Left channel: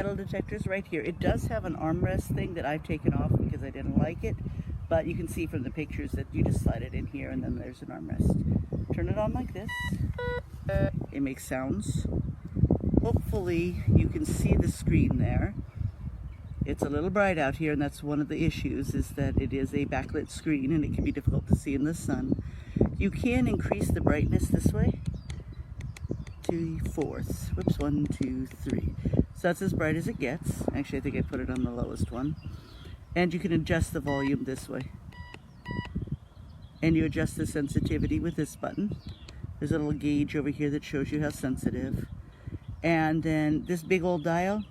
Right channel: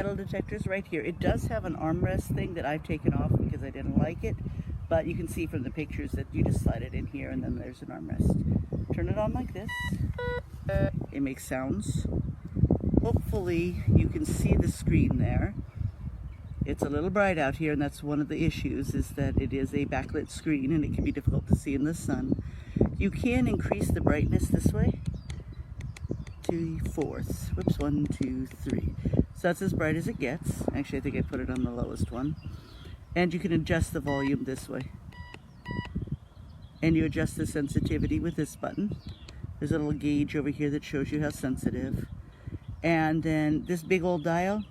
metal detector is right here. It does have an armrest thing that I've taken off because I didn't like it, but you can see from the pictures that you just slide it in here and then there's an armrest. Turn it on like this. It makes sounds. Hopefully you can see the screen there. It's a little bright out here, and that's one of the issues, is that it is a backlit screen and it can be difficult to see in the sun. You can increase the brightness this way. 2/4. Whoops, 1, 2, 3. So that's as bright as it gets. Actually, I think I put it on the lowest one. And you can adjust the volume this way. And you adjust the sensitivity with this button. There's a little gauge over here that shows you how sensitive. And then this big old dial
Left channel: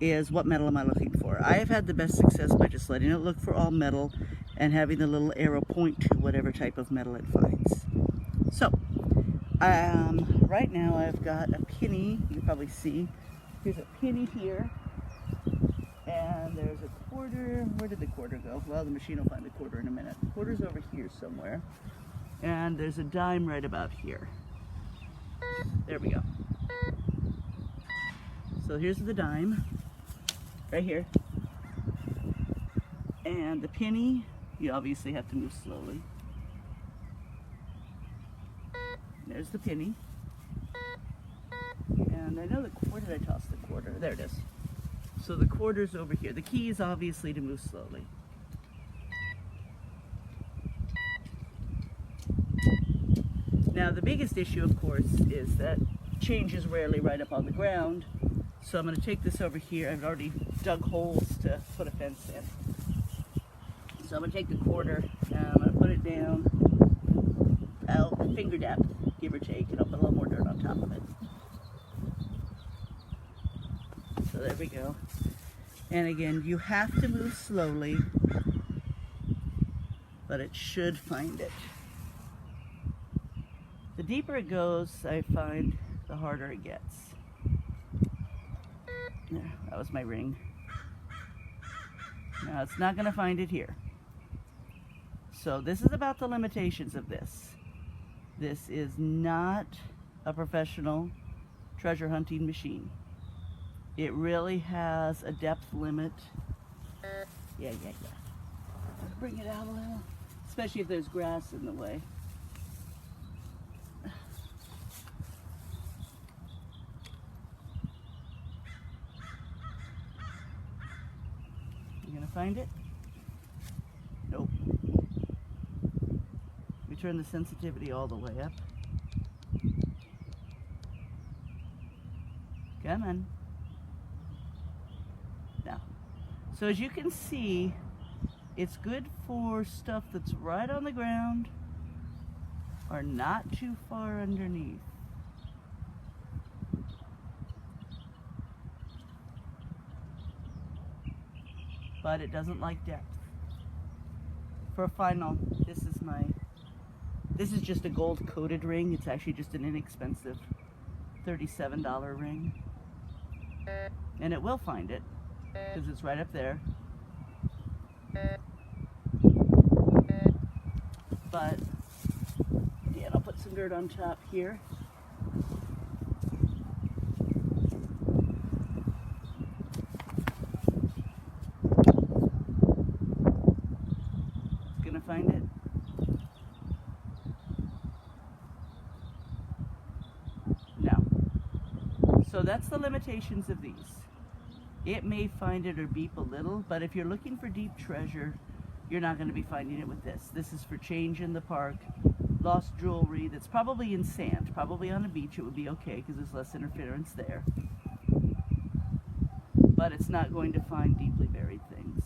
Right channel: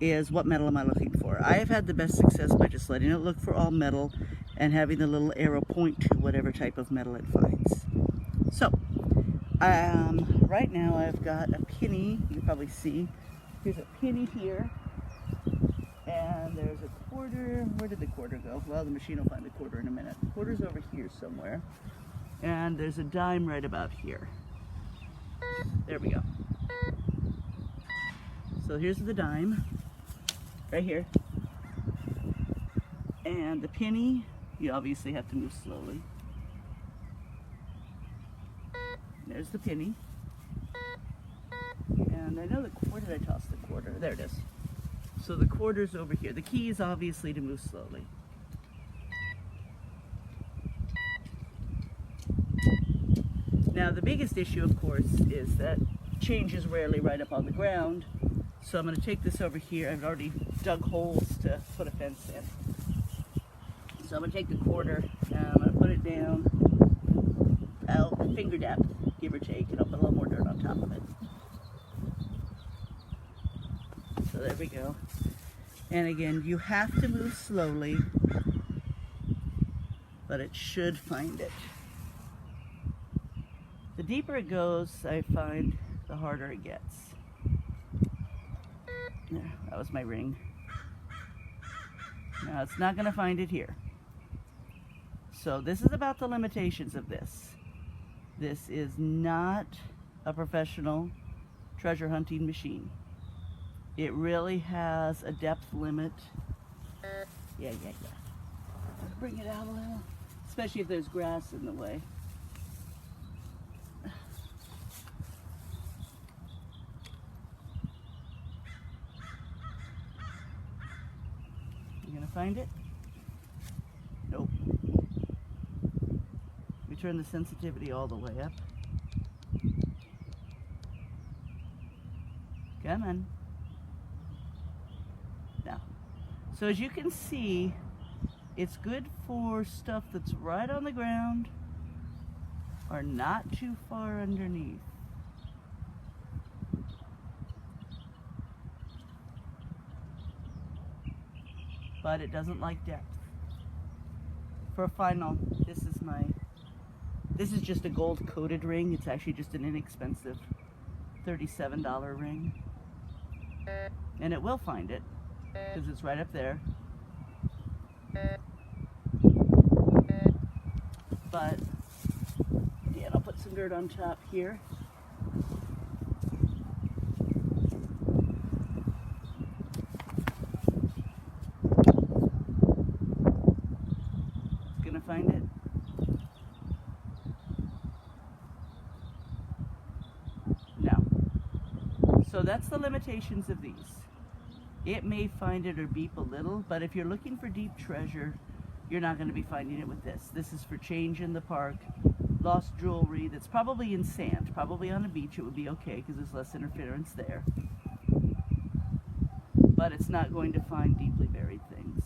is what metal am I looking for. I have had the best success by just letting it look for all metal and having the little arrow point to whatever type of metal it finds. So, right now I've got a penny. You can probably see. Here's a penny here. And there's a quarter. Where did the quarter go? Well, the machine will find the quarter in a minute. The quarter's over here somewhere. And there's a dime right about here. There we go. So here's the dime, right here. And the penny, you obviously have to move slowly. There's the penny. And I know where did I toss the quarter? There it is. So the quarter's over here. The key is obviously to move slowly. Now the biggest issue, of course, is that change is rarely right up on the ground. So I'm going to take this over here. I've already dug holes to put a fence in. So I'm going to take the quarter and I'm going to put it down about finger depth, give or take, and I'll put a little more dirt on top of it. So there we go. And again, you have to move slowly, but it should find it. The deeper it goes, I find, the harder it gets. There, that was my ring. Now it's not going to find it here. So this is about the limitations of this. This is not a professional treasure hunting machine. It really has a depth limit. Yeah. Bring it out a little, especially if there's grass in the way. You gonna find it? Nope. We turn the sensitivity all the way up. Come on. Now, so as you can see, it's good for stuff that's right on the ground or not too far underneath. But it doesn't like depth. For a final, this is just a gold coated ring. It's actually just an inexpensive $37 ring. And it will find it, because it's right up there. But, again, I'll put some dirt on top here. Find it. No. So that's the limitations of these. It may find it or beep a little, but if you're looking for deep treasure, you're not going to be finding it with this. This is for change in the park, lost jewelry that's probably in sand. Probably on a beach it would be okay because there's less interference there. But it's not going to find deeply buried things.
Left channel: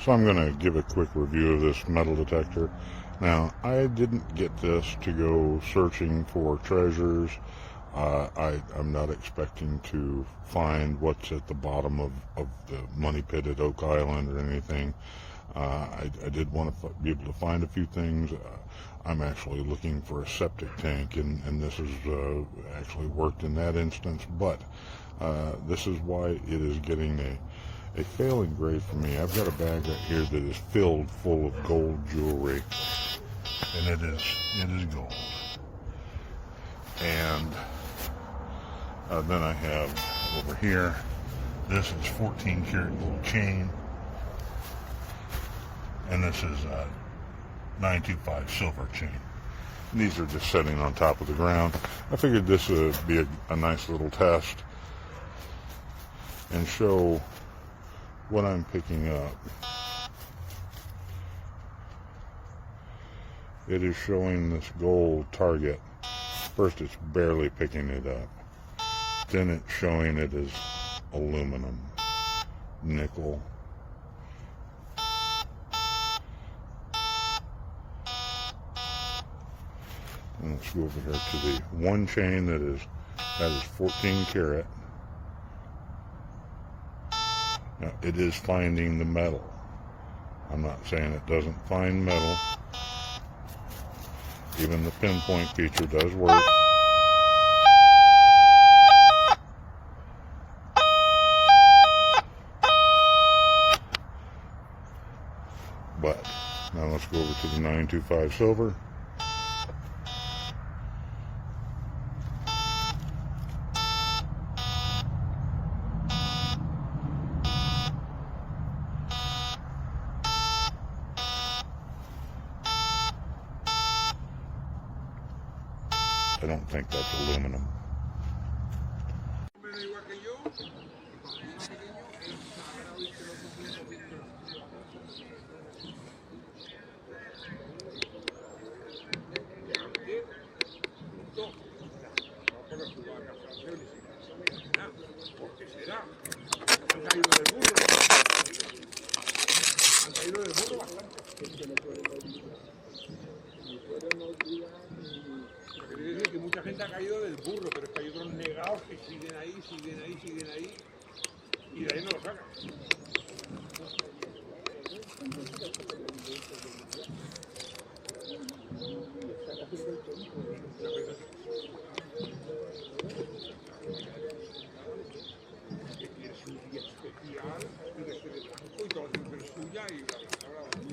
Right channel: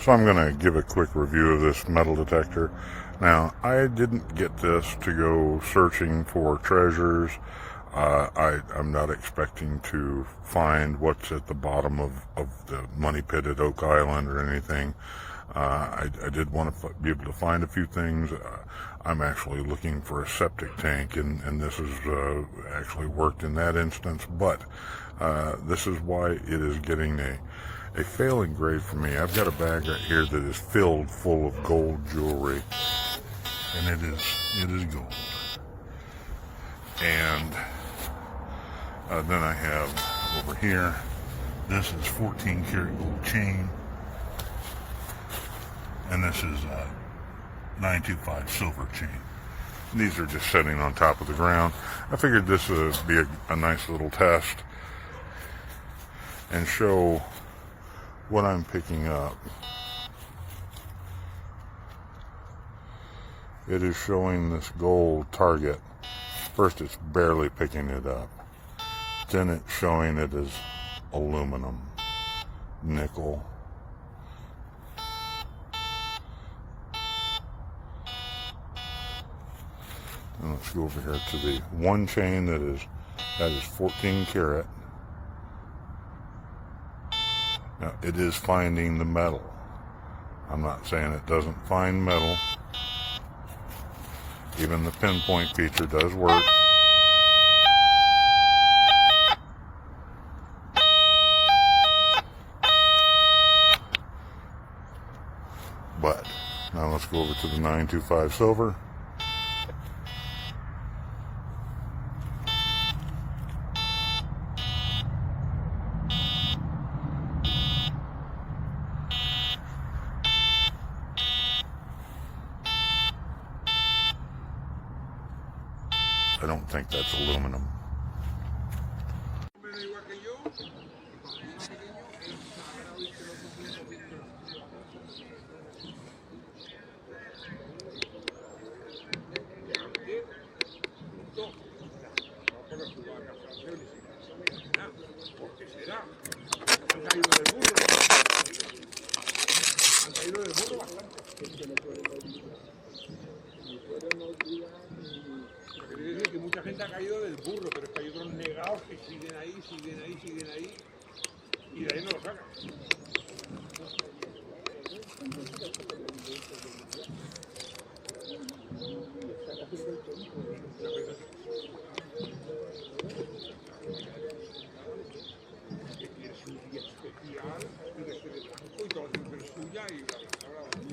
So I'm going to give a quick review of this metal detector. Now, I didn't get this to go searching for treasures. I'm not expecting to find what's at the bottom of the money pit at Oak Island or anything. I did want to be able to find a few things. I'm actually looking for a septic tank, and this has actually worked in that instance, but this is why it is getting a failing grade for me. I've got a bag right here that is filled full of gold jewelry, and it is gold. And then I have over here, this is 14 karat gold chain, and this is 925 silver chain. These are just sitting on top of the ground. I figured this would be a nice little test and show what I'm picking up. It is showing this gold target. First it's barely picking it up. Then it's showing it as aluminum, nickel. And let's go over here to the one chain that is 14 karat. Now it is finding the metal. I'm not saying it doesn't find metal. Even the pinpoint feature does work. But now let's go over to the 925 silver. I don't think that's aluminum. Que mucha gente ha caído del burro, pero es que hay otros negados que siguen ahí, y de ahí no lo sacan. Es un día especial, y de ser blanco y todo es suya y bla bla bla.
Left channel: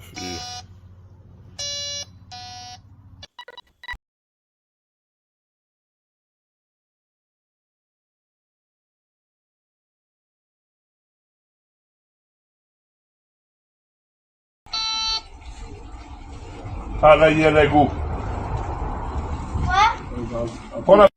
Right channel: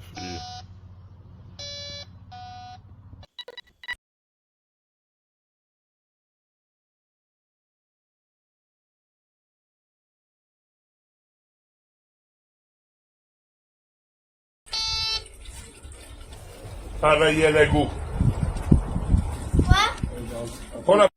SE. Hada yere gu. What?